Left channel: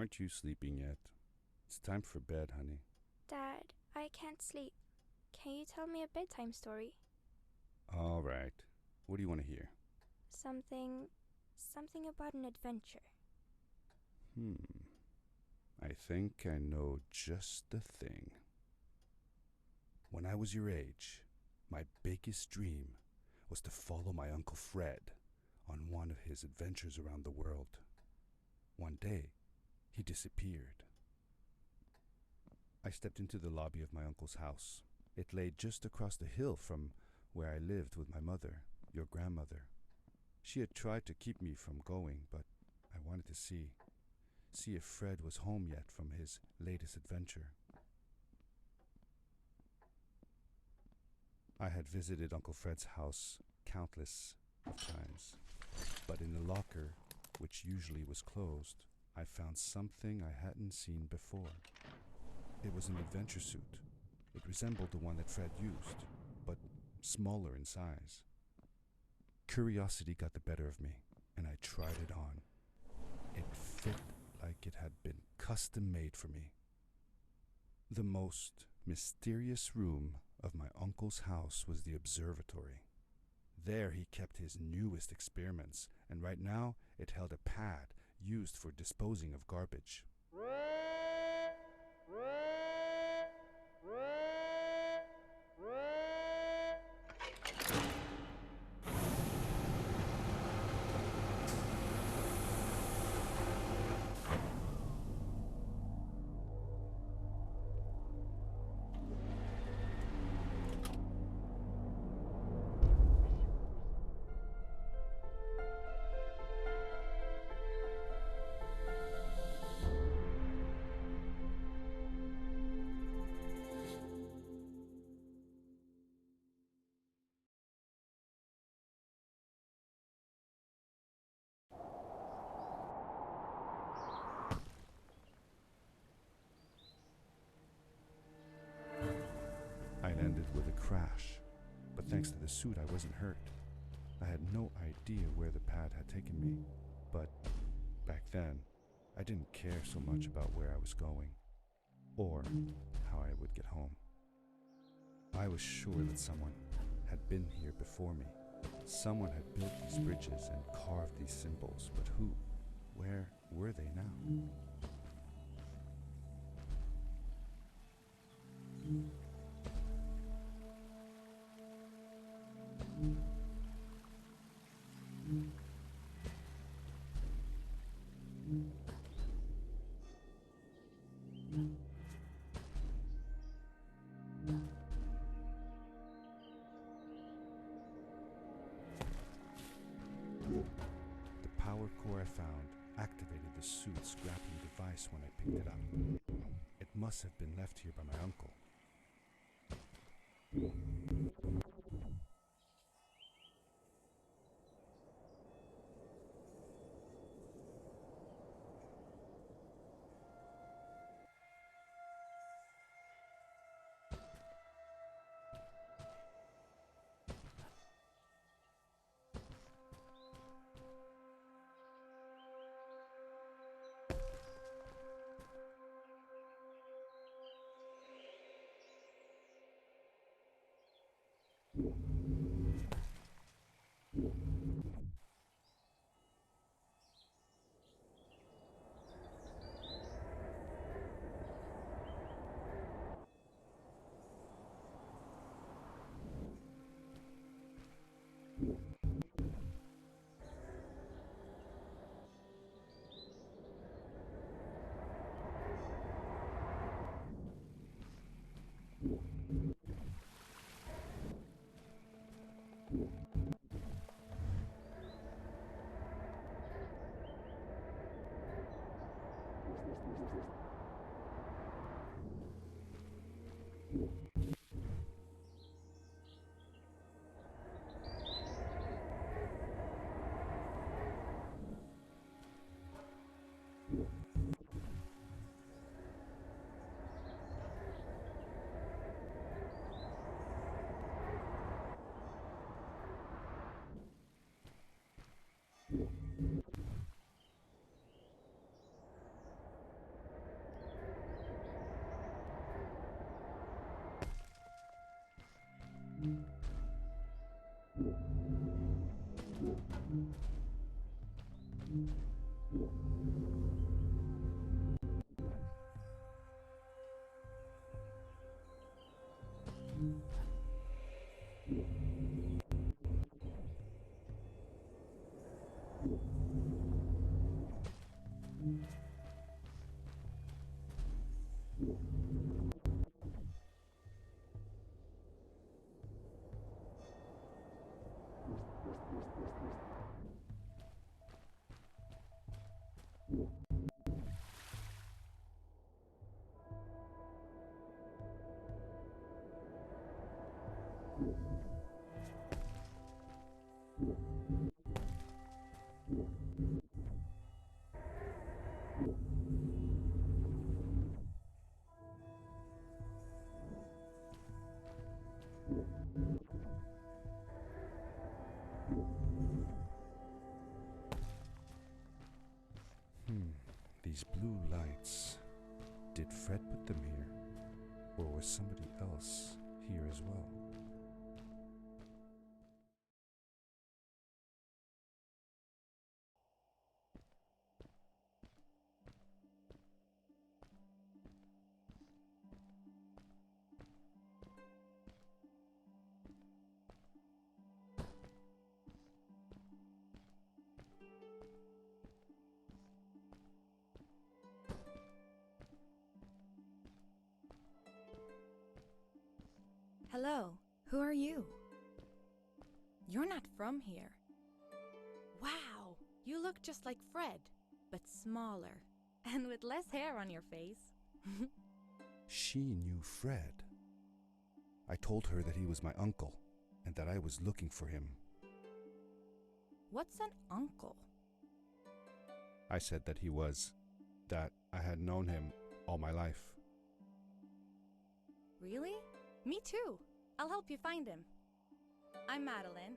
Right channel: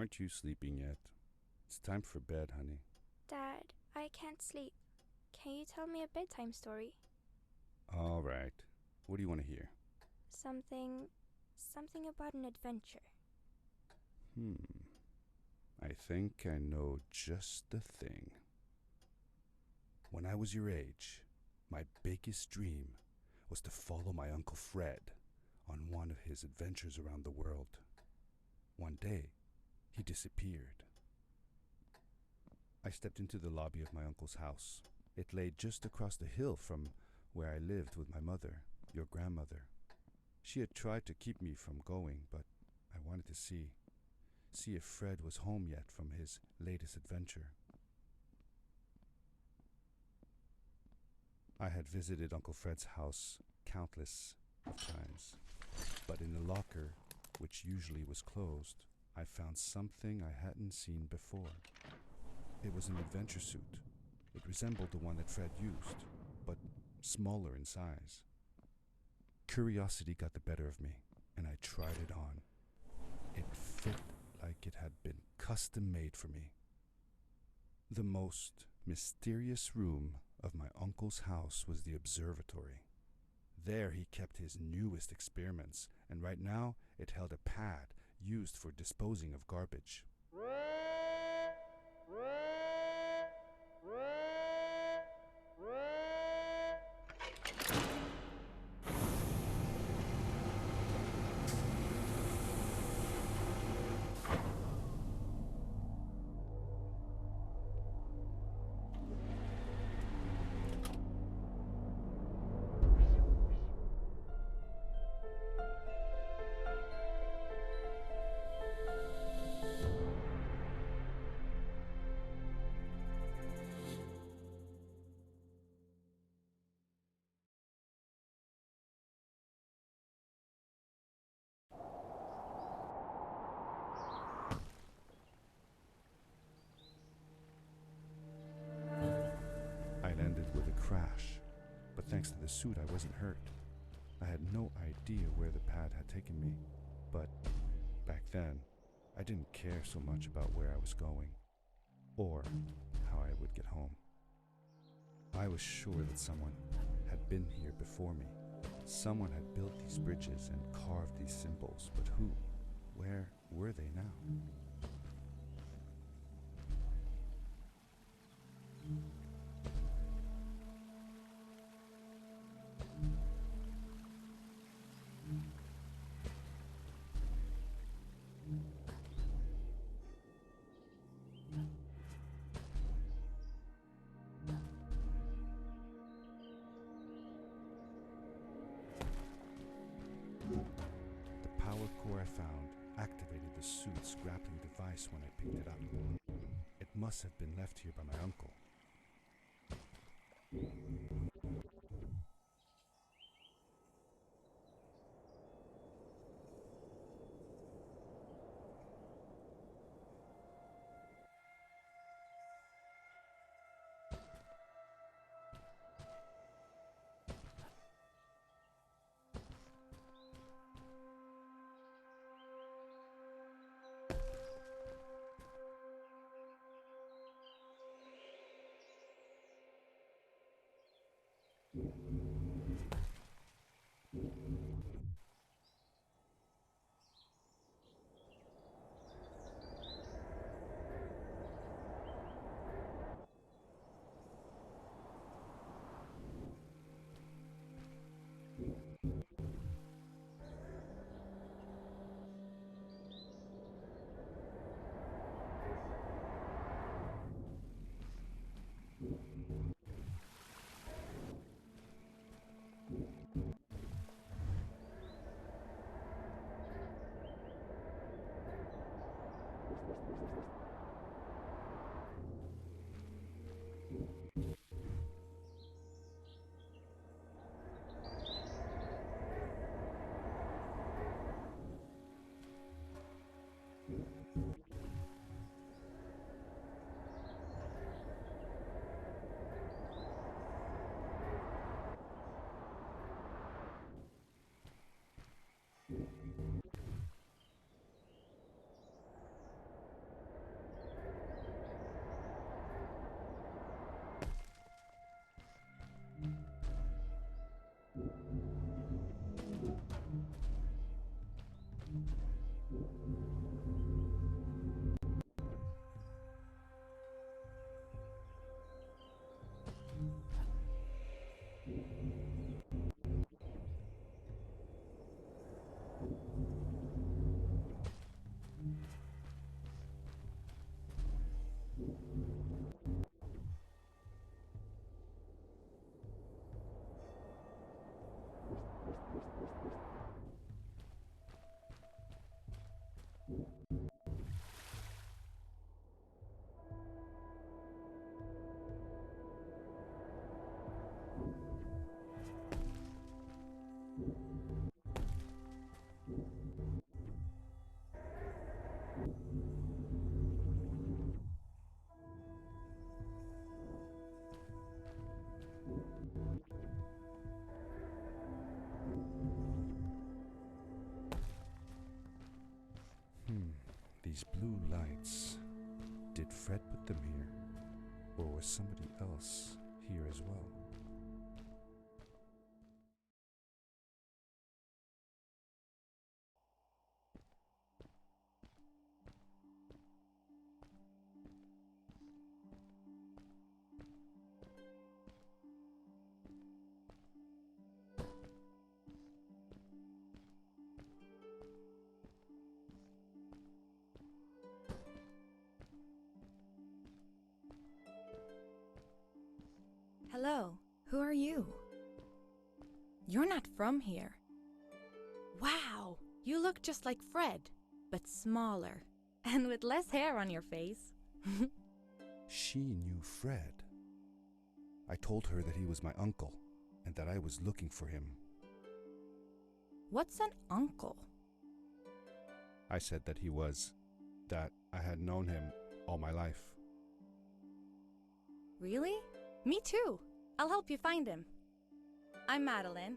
Aren't you sleeping yet? It's time for bed, honey. Dad, I can't sleep. Can you tell me a bedtime story? All right. What do you want to hear? Something about an adventure. I think I know just the thing. When I was your age, my biggest dream was to follow my Uncle Fred on one of his adventures around the world. One day, he disappeared. I stepped into the lobby of my uncle's house. It lay just across the hill from where I lived with my mother, your grandmother. She had tried to keep me from going, but I wanted to see if Fred was home yet from his latest adventure. I had visited Uncle Fred's house countless of times, but in the locker, which usually was closed, I found something I hadn't seen before. It was an adventure suit. It resembled the one that Fred used, but smaller in size. Curiosity got the better of me, and I tried it on. It fit like it had been custom made for me. The most mysterious room of my uncle's house was the observatory. There he kept his newest experiments, and right now it held a pad used for disposing of garbage. I landed with a crash, but thanks to the suit I wasn't hurt. I had no idea where the pad had taken me, but back then I didn't care so much about where I was going or how I would get home. I was sure that someone had been here before me. Someone had built these bridges and carved these symbols, but who? Where were they now? The power core I found activated the suit's grappling device when I picked it up. It must have been left here by my uncle. These blue lights. Did Fred put them here? Or was somebody else here as well? Hello, who are you? You're not from here. Wow, you look just like Fred, but smaller, and with less hair on your face. She knew Fred. I told her that he was my uncle, and that I was looking for him. What's an uncle? I said that that I had known him all my life. Really? Me too. I'll help you find him. I'm Madeline.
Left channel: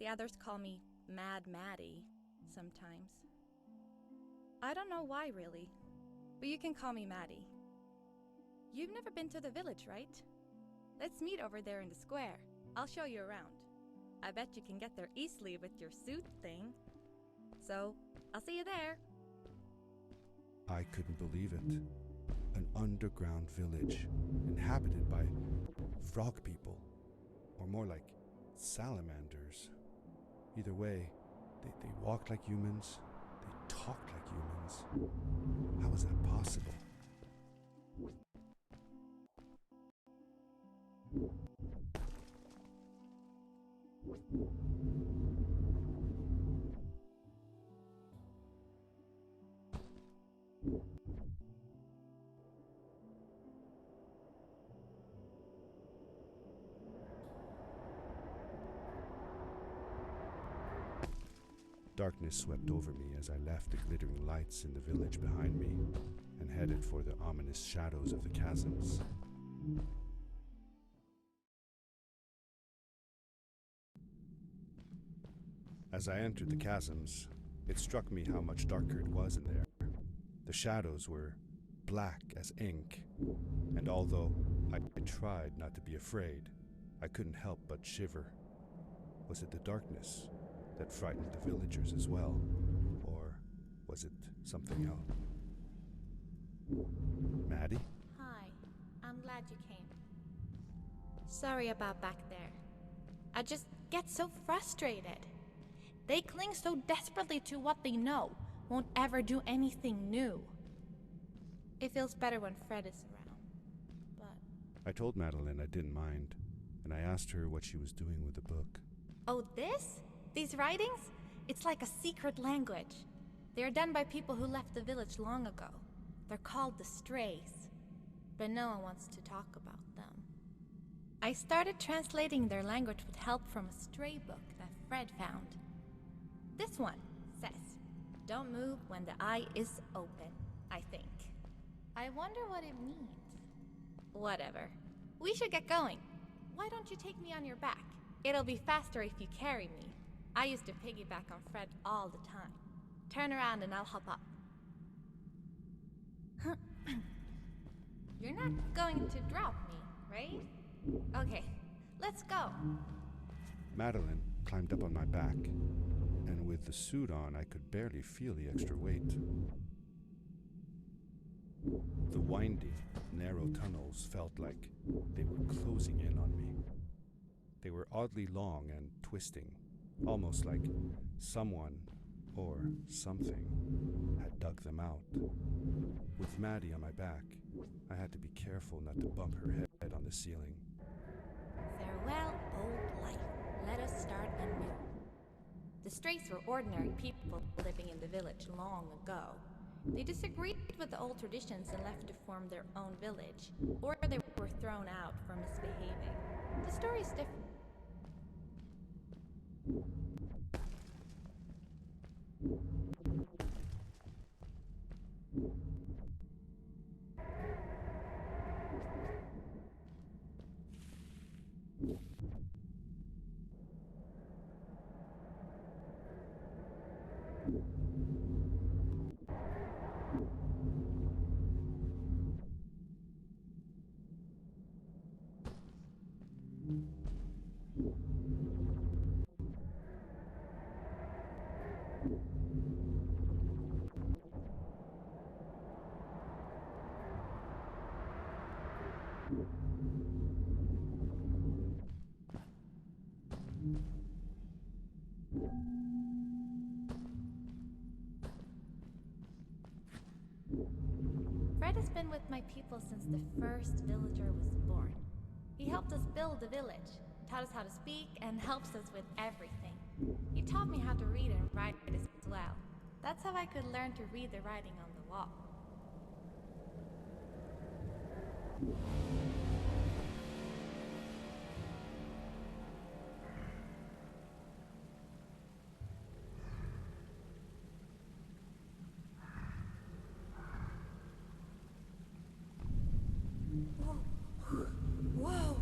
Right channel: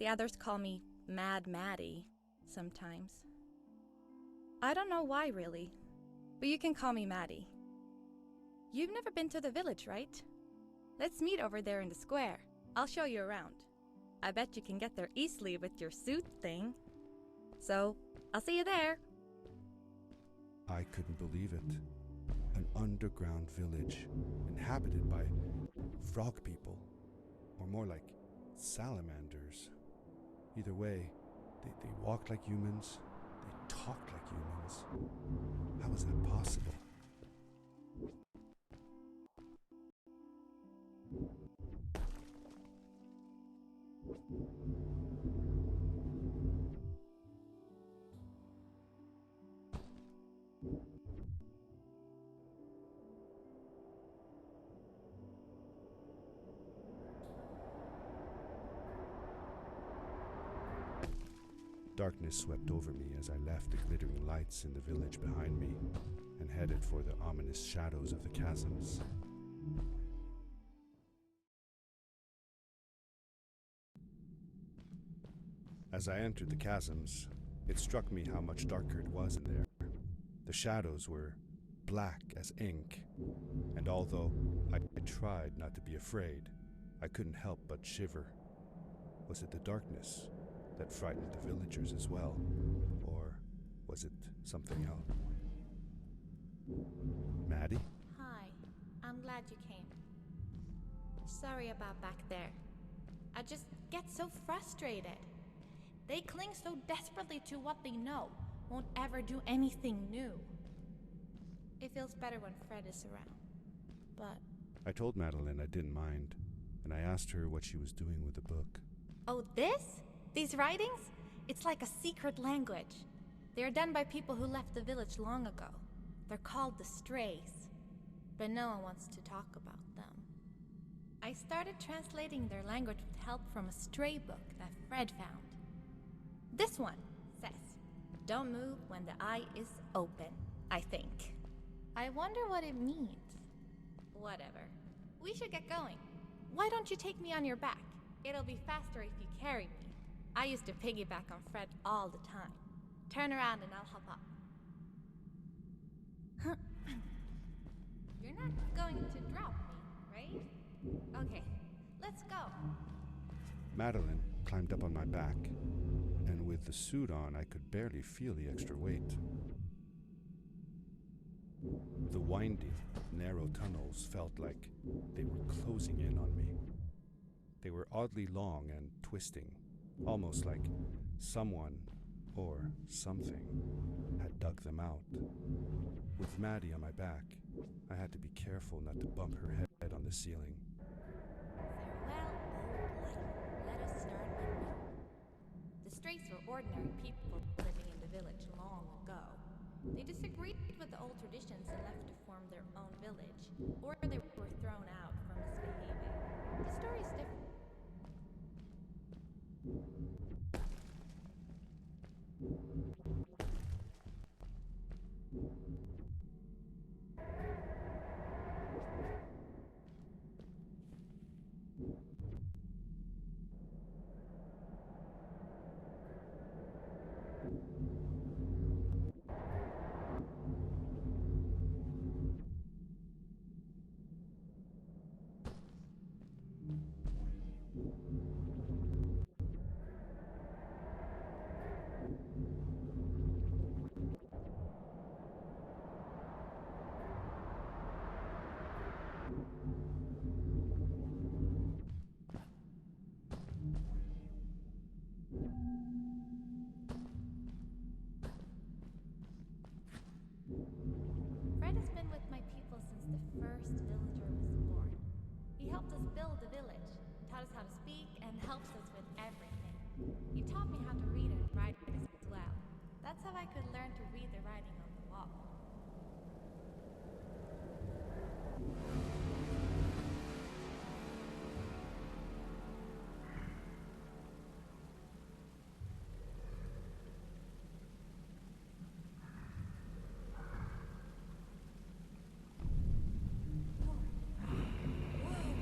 The others call me Mad Maddie sometimes. I don't know why, really, but you can call me Maddie. You've never been to the village, right? Let's meet over there in the square. I'll show you around. I bet you can get there easily with your suit thing. So, I'll see you there. I couldn't believe it. An underground village inhabited by frog people, or more like salamanders. Either way, they walked like humans, they talked like humans. How was that possible? Darkness swept over me as I left the glittering lights in the village behind me and headed for the ominous shadows of the chasms. As I entered the chasms, it struck me how much darker it was in there. The shadows were black as ink, and although I tried not to be afraid, I couldn't help but shiver. Was it the darkness that frightened the villagers as well, or was it something else? Maddie? Hi, I'm glad you came. Sorry about back there. I just get so frustrated. They cling so desperately to what they know, won't ever do anything new. It feels better when Fred is around, but... I told Madeline I didn't mind, and I asked her what she was doing with the book. Oh, this? These writings? It's like a secret language. They are done by people who left the village long ago. They're called the Strays, but no one wants to talk about them. I started translating their language with help from a stray book that Fred found. This one says, "Don't move when the eye is open," I think. I wonder what it means. Whatever. We should get going. Why don't you take me on your back? It'll be faster if you carry me. I used to piggyback on Fred all the time. Turn around and I'll hop up. You're not going to drop me, right? Okay, let's go. Madeline climbed up on my back, and with the suit on, I could barely feel the extra weight. The windy, narrow tunnels felt like they were closing in on me. They were oddly long and twisting, almost like someone or something had dug them out. With Maddie on my back, I had to be careful not to bump her head on the ceiling. Farewell, old life. Let us start anew. The Strays were ordinary people living in the village long ago. They disagreed with the old traditions and left to form their own village, or they were thrown out for misbehaving. The story is different. Fred has been with my people since the first villager was born. He helped us build the village, taught us how to speak, and helps us with everything. He taught me how to read and write as well. That's how I could learn to read the writing on the wall. Whoa,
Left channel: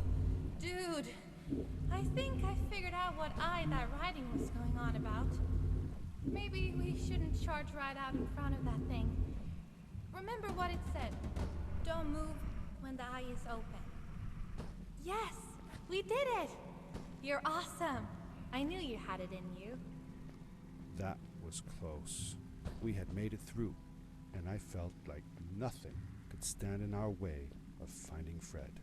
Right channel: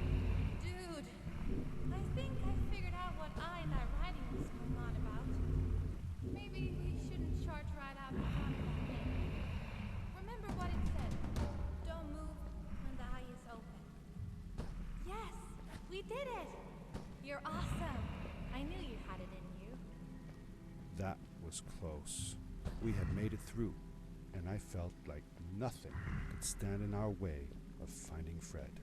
dude. I think I figured out what that writing was going on about. Maybe we shouldn't charge right out in front of that thing. Remember what it said. Don't move when the eye is open. Yes, we did it. You're awesome. I knew you had it in you. That was close. We had made it through, and I felt like nothing could stand in our way of finding Fred.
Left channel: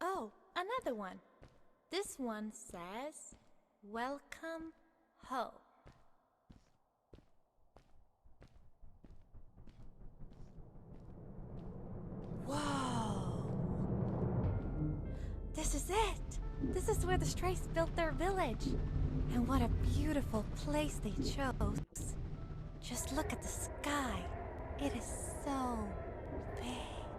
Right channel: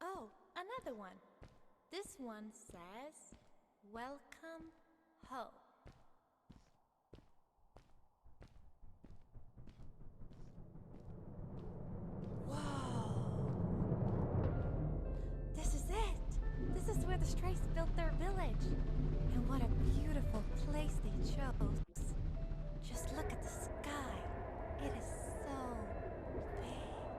Oh, another one. This one says, "Welcome home." Whoa! This is it! This is where the Strays built their village. And what a beautiful place they chose. Just look at the sky. It is so big.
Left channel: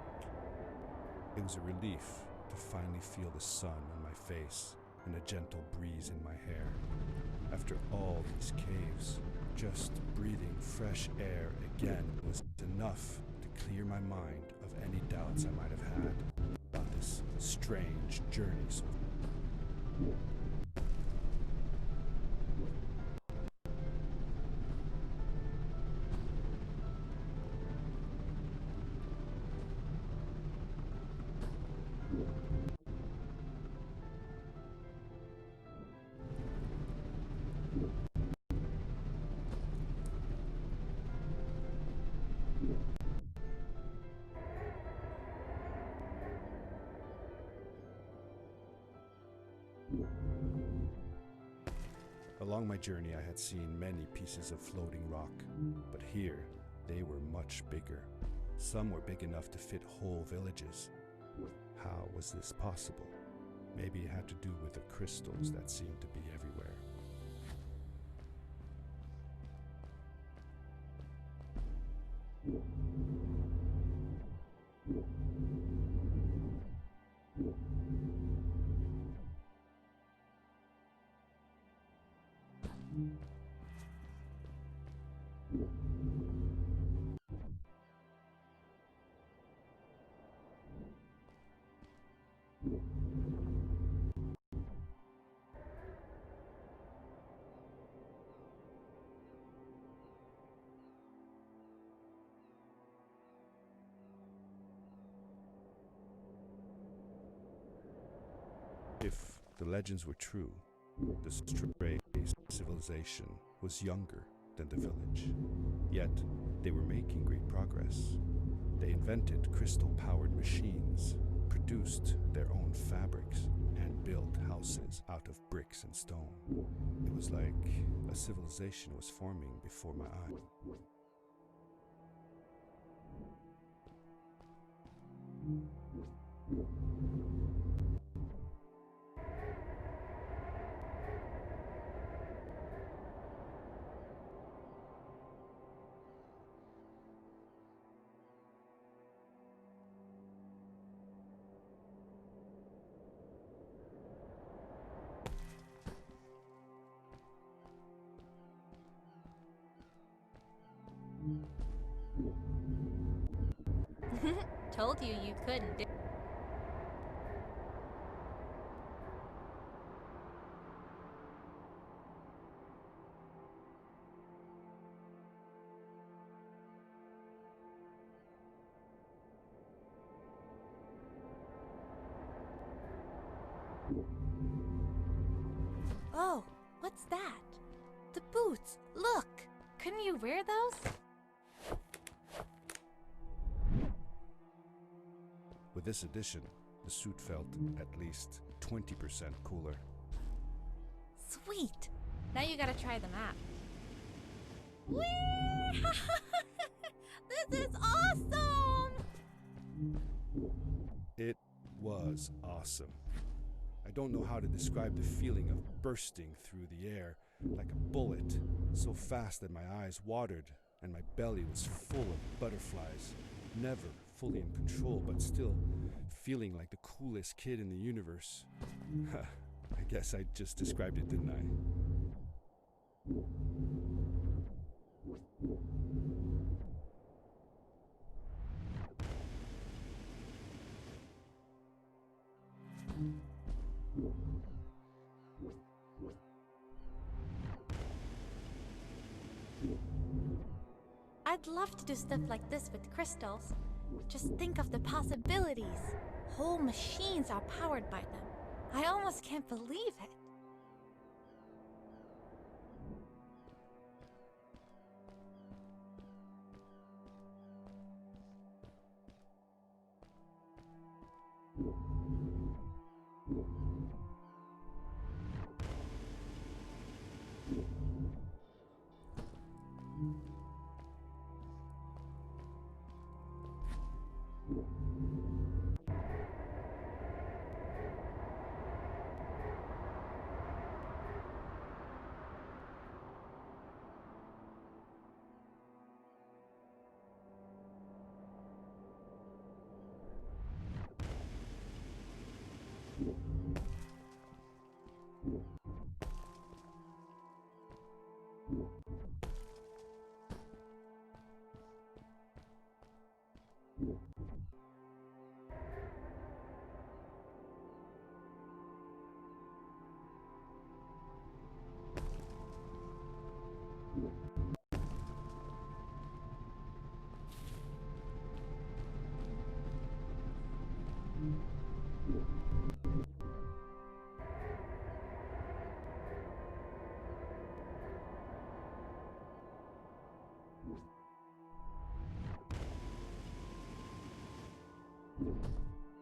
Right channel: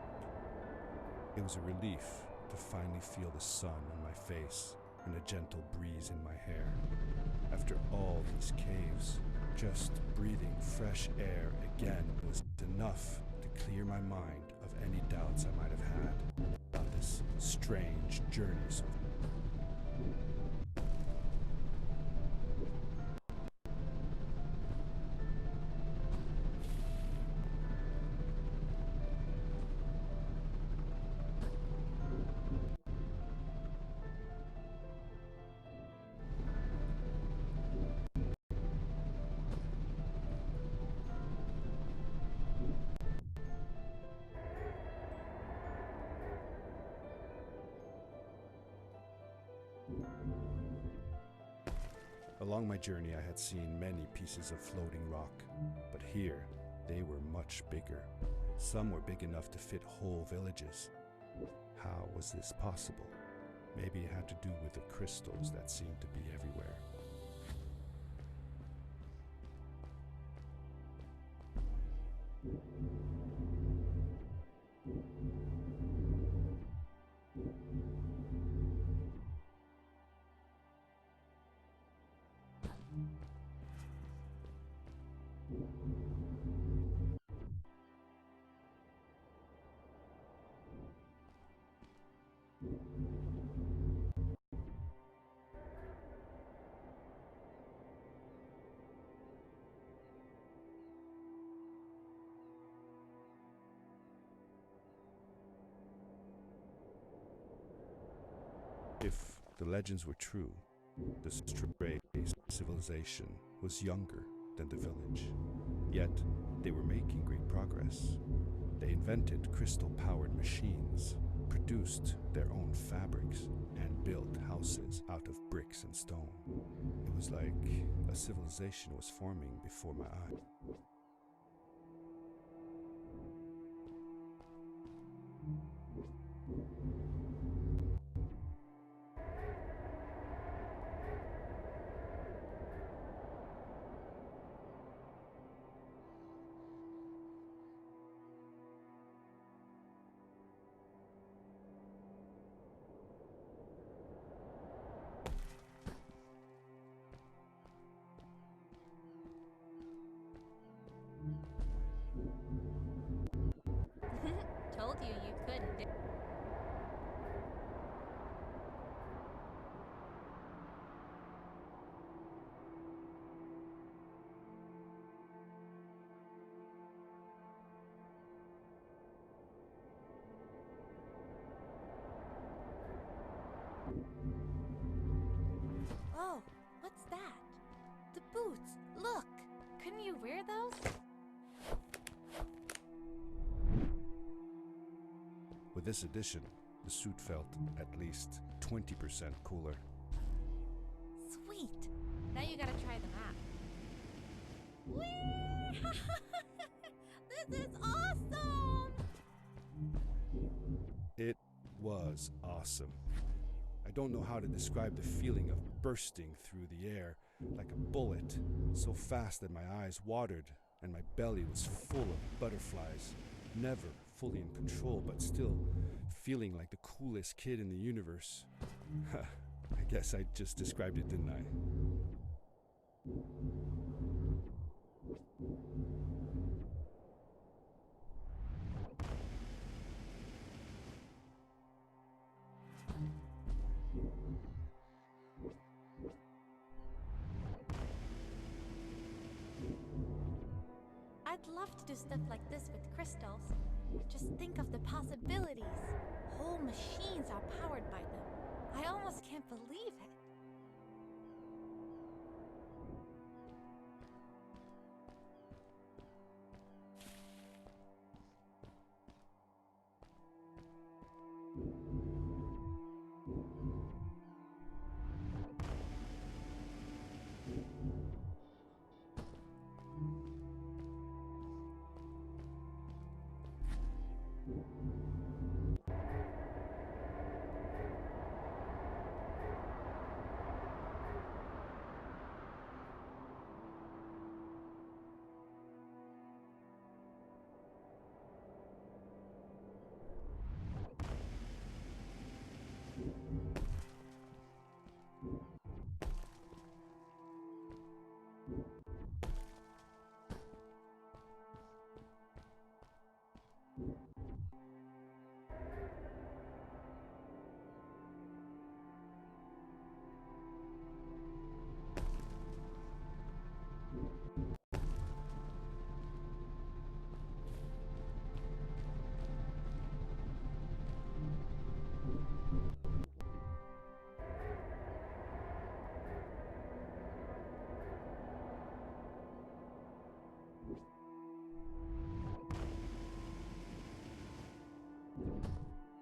It was a relief to finally feel the sun on my face and a gentle breeze in my hair. After all these caves, just breathing fresh air again was enough to clear my mind of any doubts I might have had about this strange journey so Along my journey, I had seen many pieces of floating rock, but here they were much bigger. Some were big enough to fit whole villages. How was this possible? Maybe it had to do with the crystals that seemed to be everywhere. If the legends were true, The stray civilization was younger than the village, yet they were making great progress. They invented crystal-powered machines, produced their own fabrics, and built houses out of bricks and stone. It was like a civilization was forming before my eyes. Told you you couldn't do. Oh, what's that? The boots! Look! Couldn't you wear those? With this addition, the suit felt at least 20% cooler. Sweet! Now you gotta try them out. Whee! This is awesome! It was awesome. I don't know how to describe the feeling of bursting through the air like a bullet, so fast that my eyes watered and my belly was full of butterflies, never fully in control, but still feeling like the coolest kid in the universe. I guess I just described it, didn't I? I'd love to do stuff like this with crystals. Just think of the possibilities. Whole machines are powered by them. I almost can't believe it.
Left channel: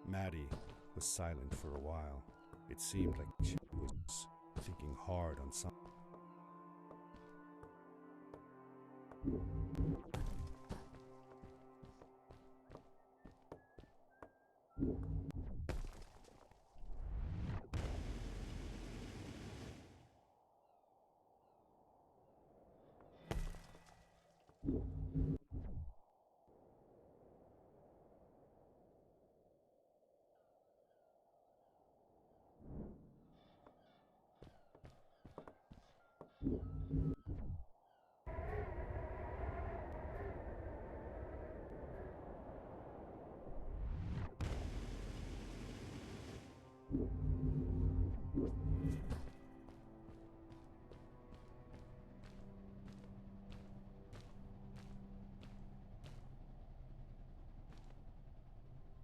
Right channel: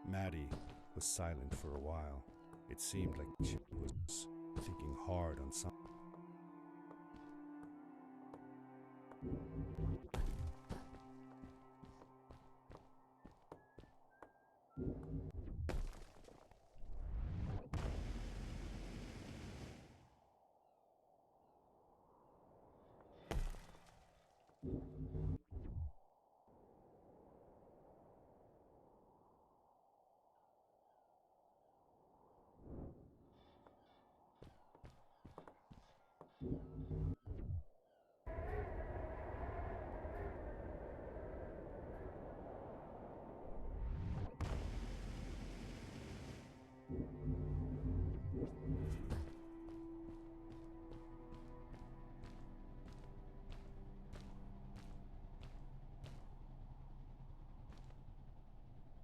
Maddie was silent for a while. It seemed like she was thinking hard on something.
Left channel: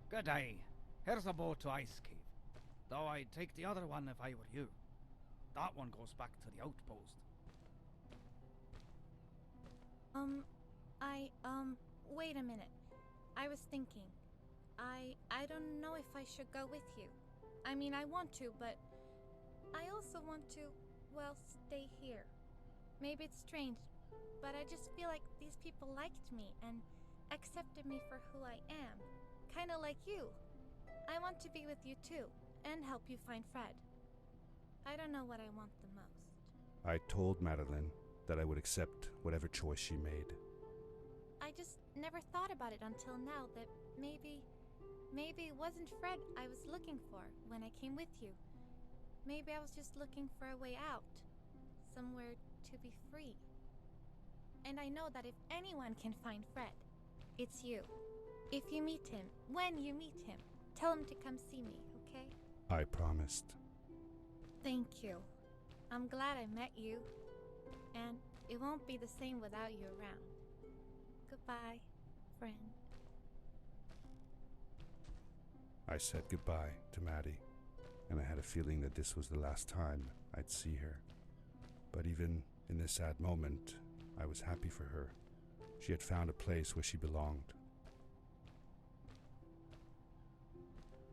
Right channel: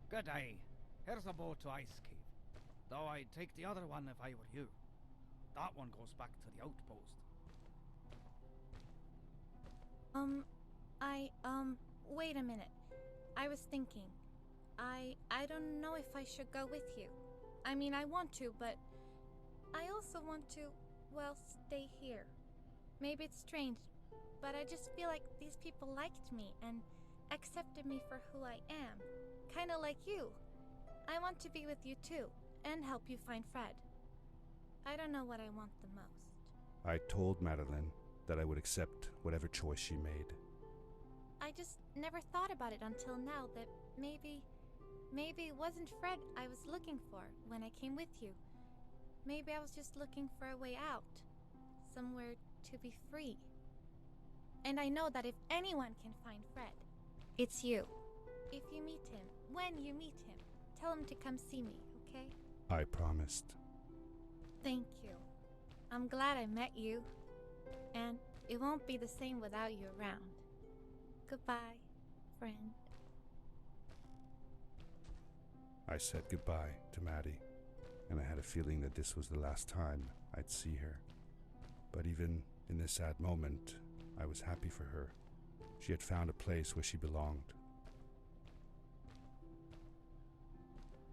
Good day. Here's a boat to Ice Cave. Though I'd take the other one if I were you. That one goes back to the outpost. Wait a minute. I was thinking. I don't know if I should go with you. I mean, I want to, but I also want to, well, stay here. Maybe it's strange, but I just feel like these people liked me and accepted me for who I am. Kinda like you. I want to be with you too, and help you find Fred. I don't know what I want the most. I told Madeline that I would accept whatever choice she made. I just never thought about it until now that maybe it wasn't Fred I was looking for when I came with you. Maybe I was just looking for a way out. Somewhere to be free. And I know that if anyone can find Fred, it's you. If you meet him, when you meet him, tell him to come see me, okay? I promised. Thank you. I'm glad I met you. And it won't be the same without you around. Goodbye, friend. I said goodbye to Maddie, and I had a feeling that this was the last time I'd see her. But even in this sad moment, I was happy for her. She had found a place where she belonged.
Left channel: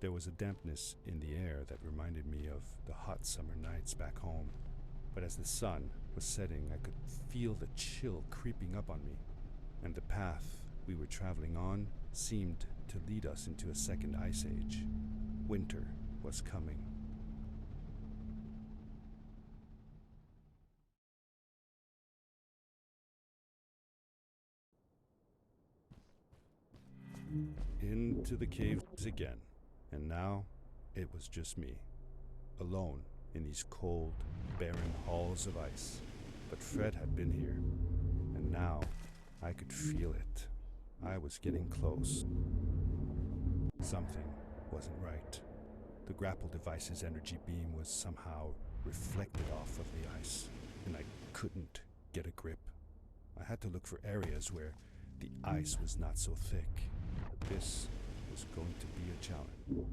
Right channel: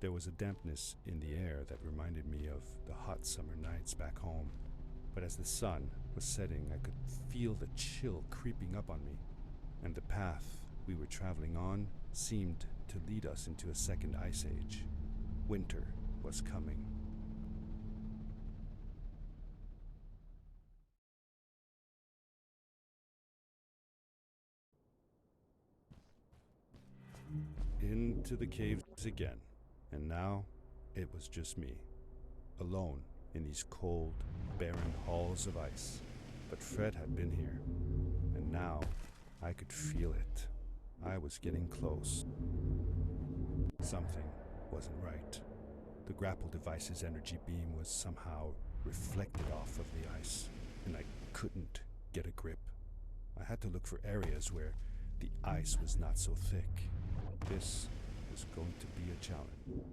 There was a dampness in the air that reminded me of the hot summer nights back home. But as the sun was setting, I could feel the chill creeping up on me, and the path we were traveling on seemed to lead us into a second ice age. Winter was coming. Into the caves again, and now it was just me, alone in these cold, barren halls of ice. But Fred had been here, and now I could feel it. I was getting close. Something wasn't right. The grapple device's energy beam was somehow reflected off of the ice, and I couldn't get a grip. I had to look for areas where the ice was not so thick. This was going to be a challenge.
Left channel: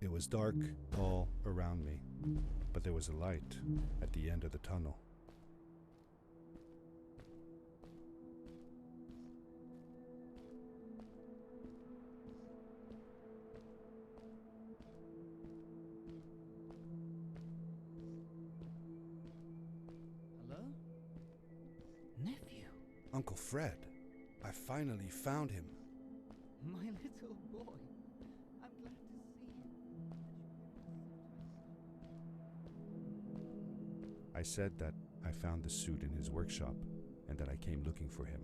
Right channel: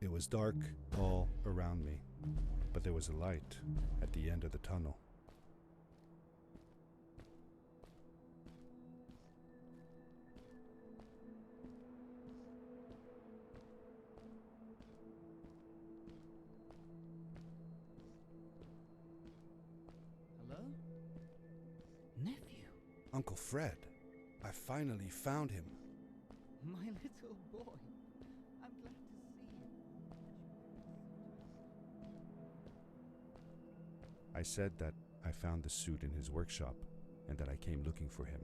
It was dark all around me, but there was a light at the end of the tunnel. Hello? Nephew? Uncle Fred, I finally found him. My little boy. I'm glad to see you. I said that I found the suit in his workshop and that I came looking for him.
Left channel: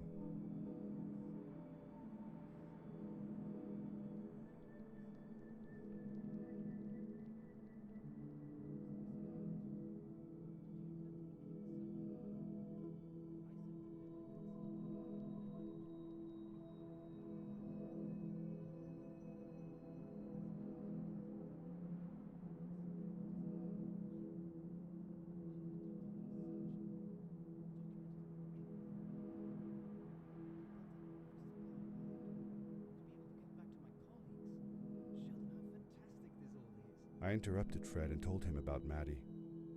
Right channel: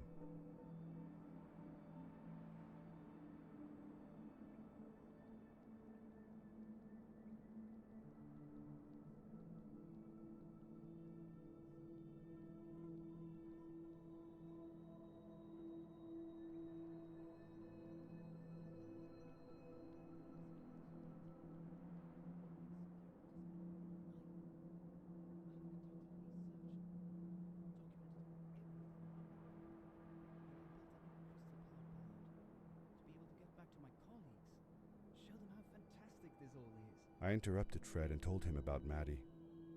I interrupted Fred and told him about Maddie,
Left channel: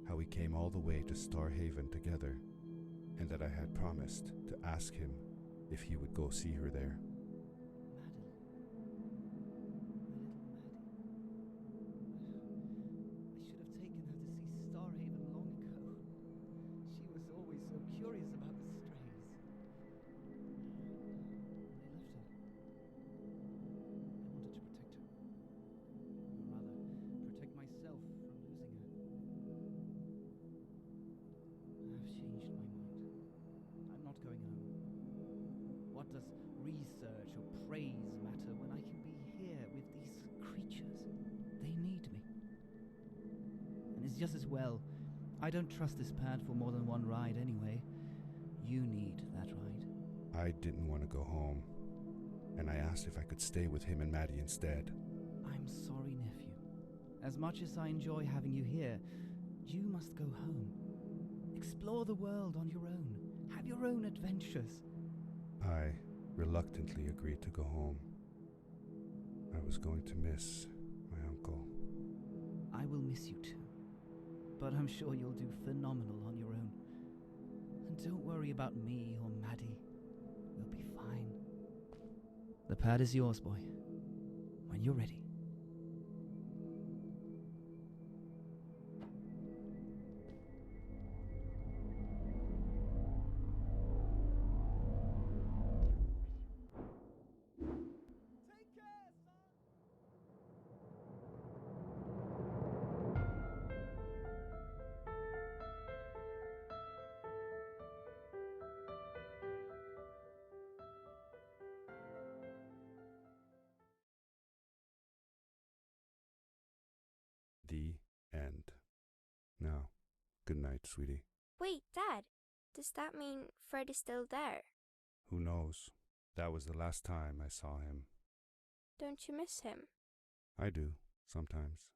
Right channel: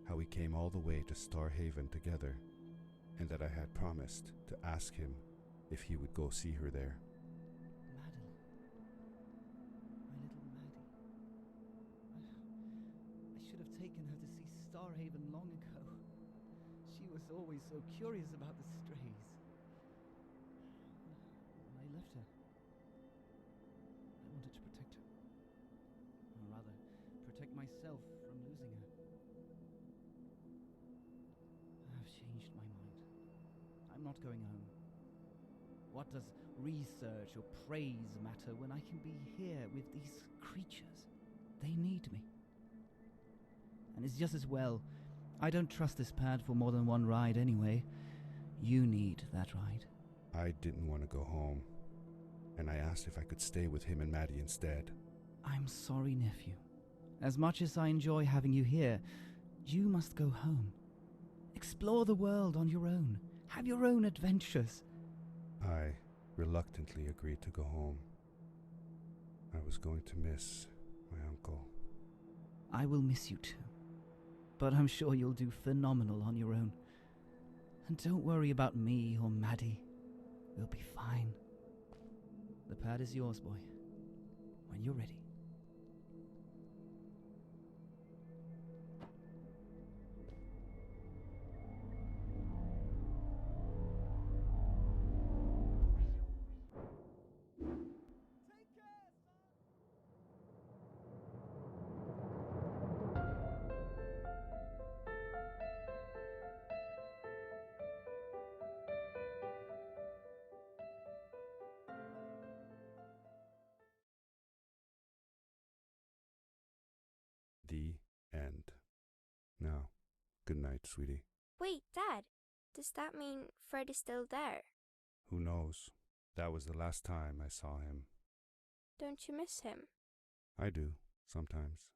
how we came all the way to Starhaven together, and that I had promised to ask him if he would go see her there. Madeline. My little Maddie. I should have taken her to see Starhaven long ago. She was always so curious about the strays. I left her. I wanted to protect her. Or rather, protect myself from losing her. I've changed my mind. I'm not going home. What does research or praise matter when I can be here with these creatures? They need me. And it's just as well. I don't trust this pad for more than one ride anyway. You need that ride. I didn't want to go home, and I asked if I could stay with him and Maddie instead. I'm sorry, nephew. As much as I enjoy having you here, you must go home. Explore the world on your own. Have your own adventures. I reluctantly agreed to go home. I was going to miss my uncle. I will miss you too. But I'm sure you'll do phenomenal on your own. And don't worry about me or Maddie. We'll be fine. The pad is yours, boy. When you're ready. The end. Now, good night, sweetie. Wait, Dad. Does that mean Fred is still there? Who knows? That was the last time I saw him. Don't you miss him? I do, sometimes.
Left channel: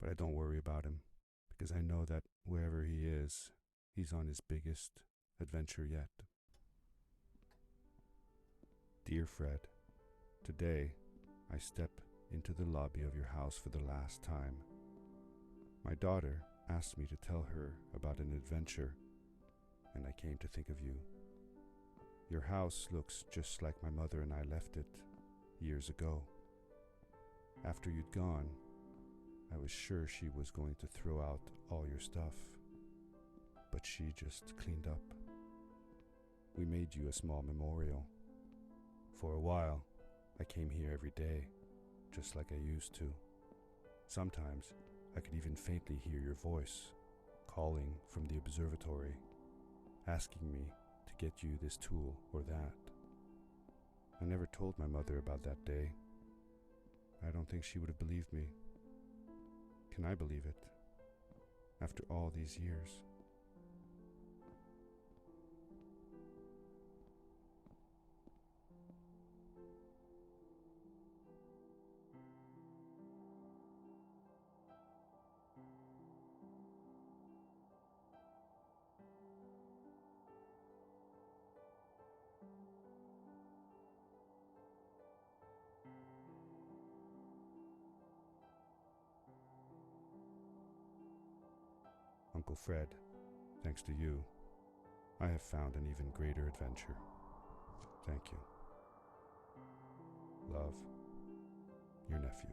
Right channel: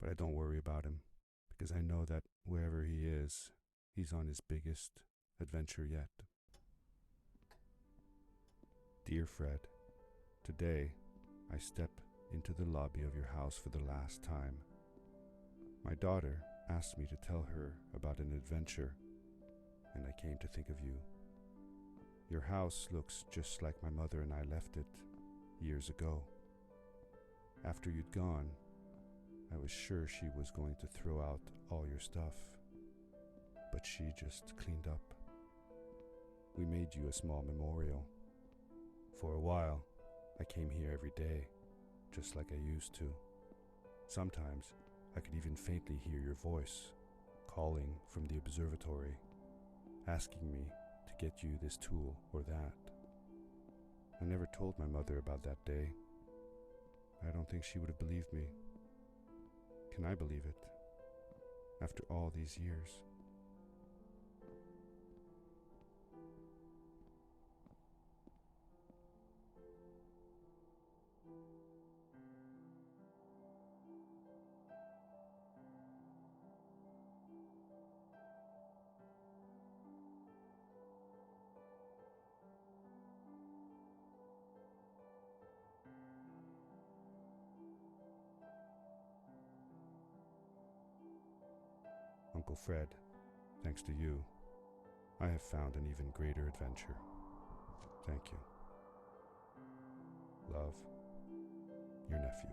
But I don't worry about him, because I know that wherever he is, he's on his biggest adventure yet. Dear Fred, today I step into the lobby of your house for the last time. My daughter asked me to tell her about an adventure, and I came to think of you. Your house looks just like my mother and I left it years ago. After you'd gone, I was sure she was going to throw out all your stuff, but she just cleaned up. We made you a small memorial. For a while, I came here every day, just like I used to. Sometimes I could even faintly hear your voice, calling from the observatory, asking me to get you this tool or that. I never told my mother about that day. I don't think she would have believed me. Can I believe it? After all these years? Uncle Fred, thanks to you, I have found an even greater adventure. Thank you. Love, your nephew.